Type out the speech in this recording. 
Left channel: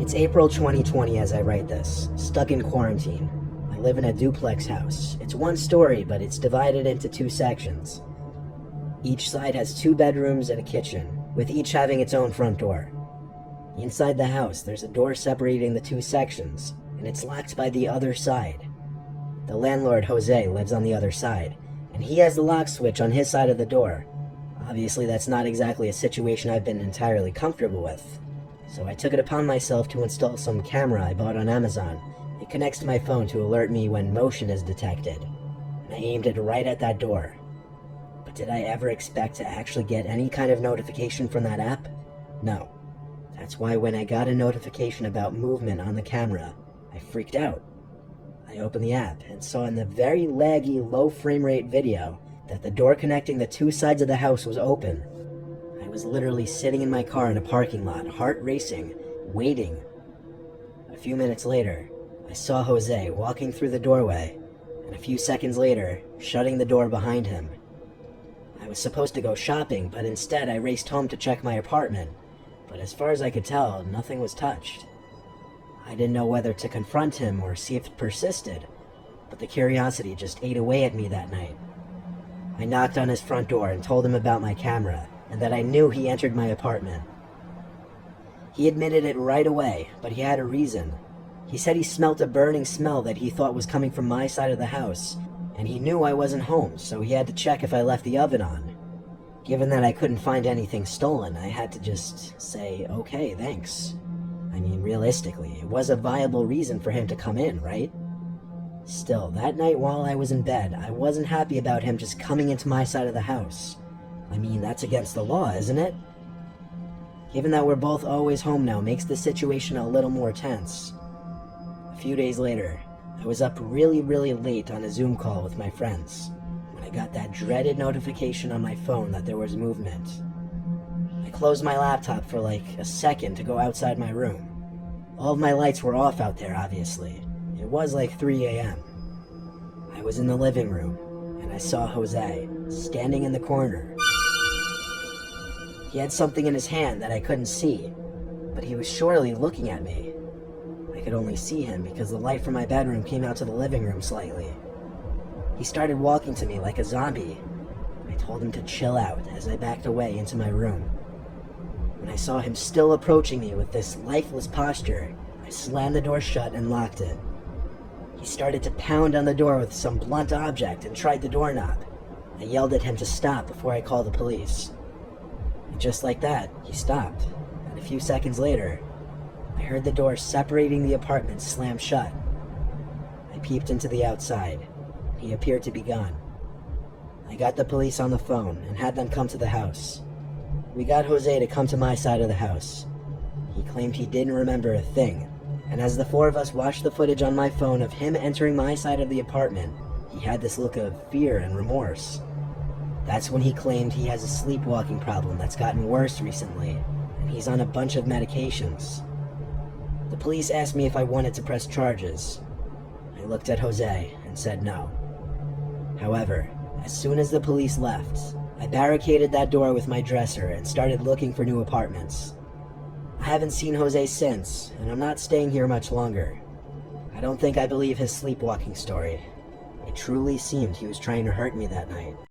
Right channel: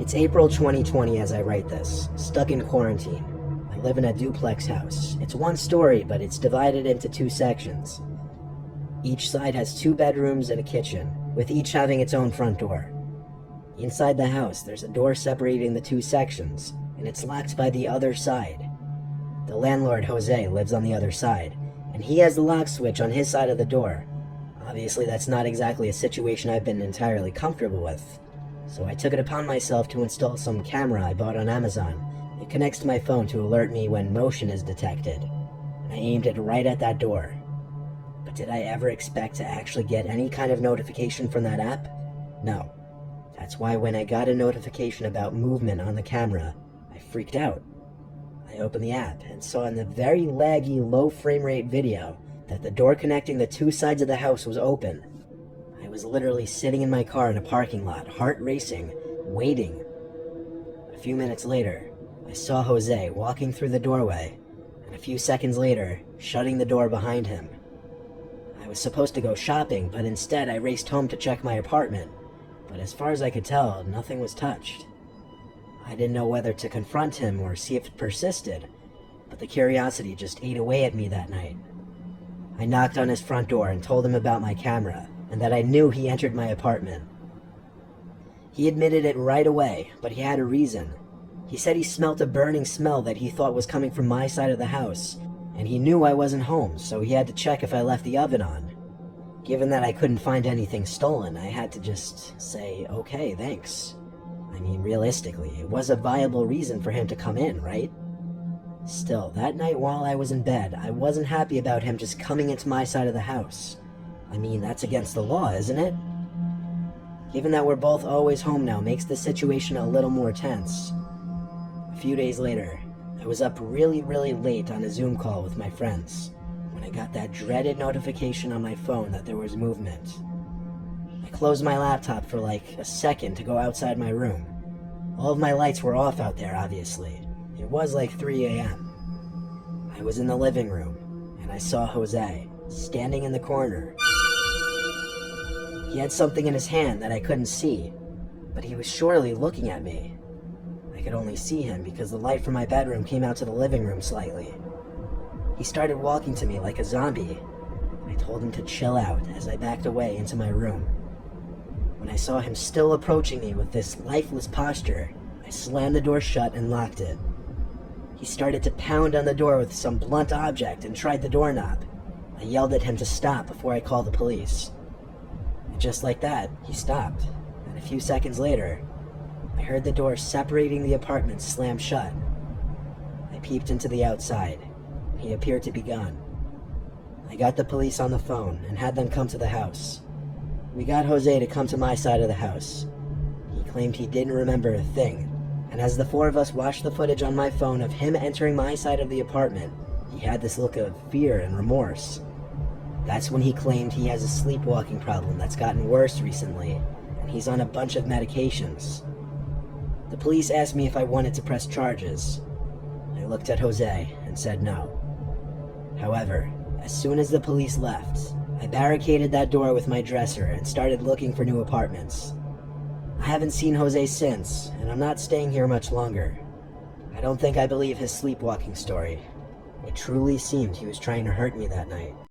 It's April 2020 as I write this, stuck in quarantine. I live in a duplex house. It's one story, but it's divided into two sections. Each side has 2 bedrooms and a kitchen, with each having its own front door. Inside the house, there's a door separating the 2 sections, and it's locked by the other side. The landlord, Jose, lives on the other side, and he has the lock switch on his side of the door. Obviously, that's not exactly a situation I've been entirely comfortable with. So I took it upon myself to install some camera I bought on Amazon. It connects to my phone to alert me when motion is detected. I aimed it right at that door. But did I ever expect to actually get any kind of notification from that app? No. That's why when I got a notification about movement on the camera, I freaked out. I opened the app and saw in the very laggy, low frame rate video that the door connecting the 2 sides of the house was open. I was literally sitting in my car in a parking lot, heart racing, waiting. A few minutes later, I saw Jose walking through the doorway, and a few seconds later, shutting the door behind him. I was supposed to go shopping, but instead I raced home to check my apartment. But as far as I could tell, nothing was touched. I didn't know whether to confront him or see if it persisted, but the curiosity just ate away at me that night. I knocked on his front door and told him about my camera, and that I knew he entered my apartment. He admitted it right away, but he had a reason. He said he smelt a burning smell that he thought was coming from my side of the house, and he knew I wasn't home, so he had to check if I left the oven on. Given that I couldn't find anything stolen, I had to just say, okay, thanks. I mean, realistically, it was a viable reason for him to come in, right? Still, that night while I was in bed, I wasn't happy about him just coming into my side of the house. I mean, that's against the law, isn't it? Given that we're both always home now makes the situation a little more tense. A few days later, I was up really late on a Zoom call with my friends when I got that dreaded notification on my phone that there was movement. I closed my laptop for like a second to go outside my room. All of my lights were off out there, obviously. It was like 3 a.m. I was in the living room, and I saw Jose standing in the corner. He had something in his hand that I couldn't see, but he was surely looking at me. I could only see him because the light from my bedroom came out to the living room slightly. He started walking to me like a zombie. I told him to chill out as I backed away into my room. When I saw him still approaching me with this lifeless posture, I slammed the door shut and locked it. He started to pound on the door with some blunt object and tried the doorknob. I yelled at him to stop before I called the police. And just like that, he stopped, and a few seconds later, I heard the door separating the apartment slam shut. I peeped into the outside. He appeared to be gone. I got the police on the phone and had them come to the house. We got Jose to come to my side of the house. He claimed he didn't remember a thing, and as the 4 of us watched the footage on my phone of him entering my side of the apartment, he had this look of fear and remorse. That's when he claimed he has a sleepwalking problem that's gotten worse recently, and he's on a bunch of medications. The police asked me if I wanted to press charges. I looked at Jose and said no. However, as soon as the police left, I barricaded that door with my dresser and started looking for new apartments. I haven't seen Jose since, and I'm not staying here much longer. I don't think I believe his sleepwalking story. It truly seemed he was trying to hurt me that night.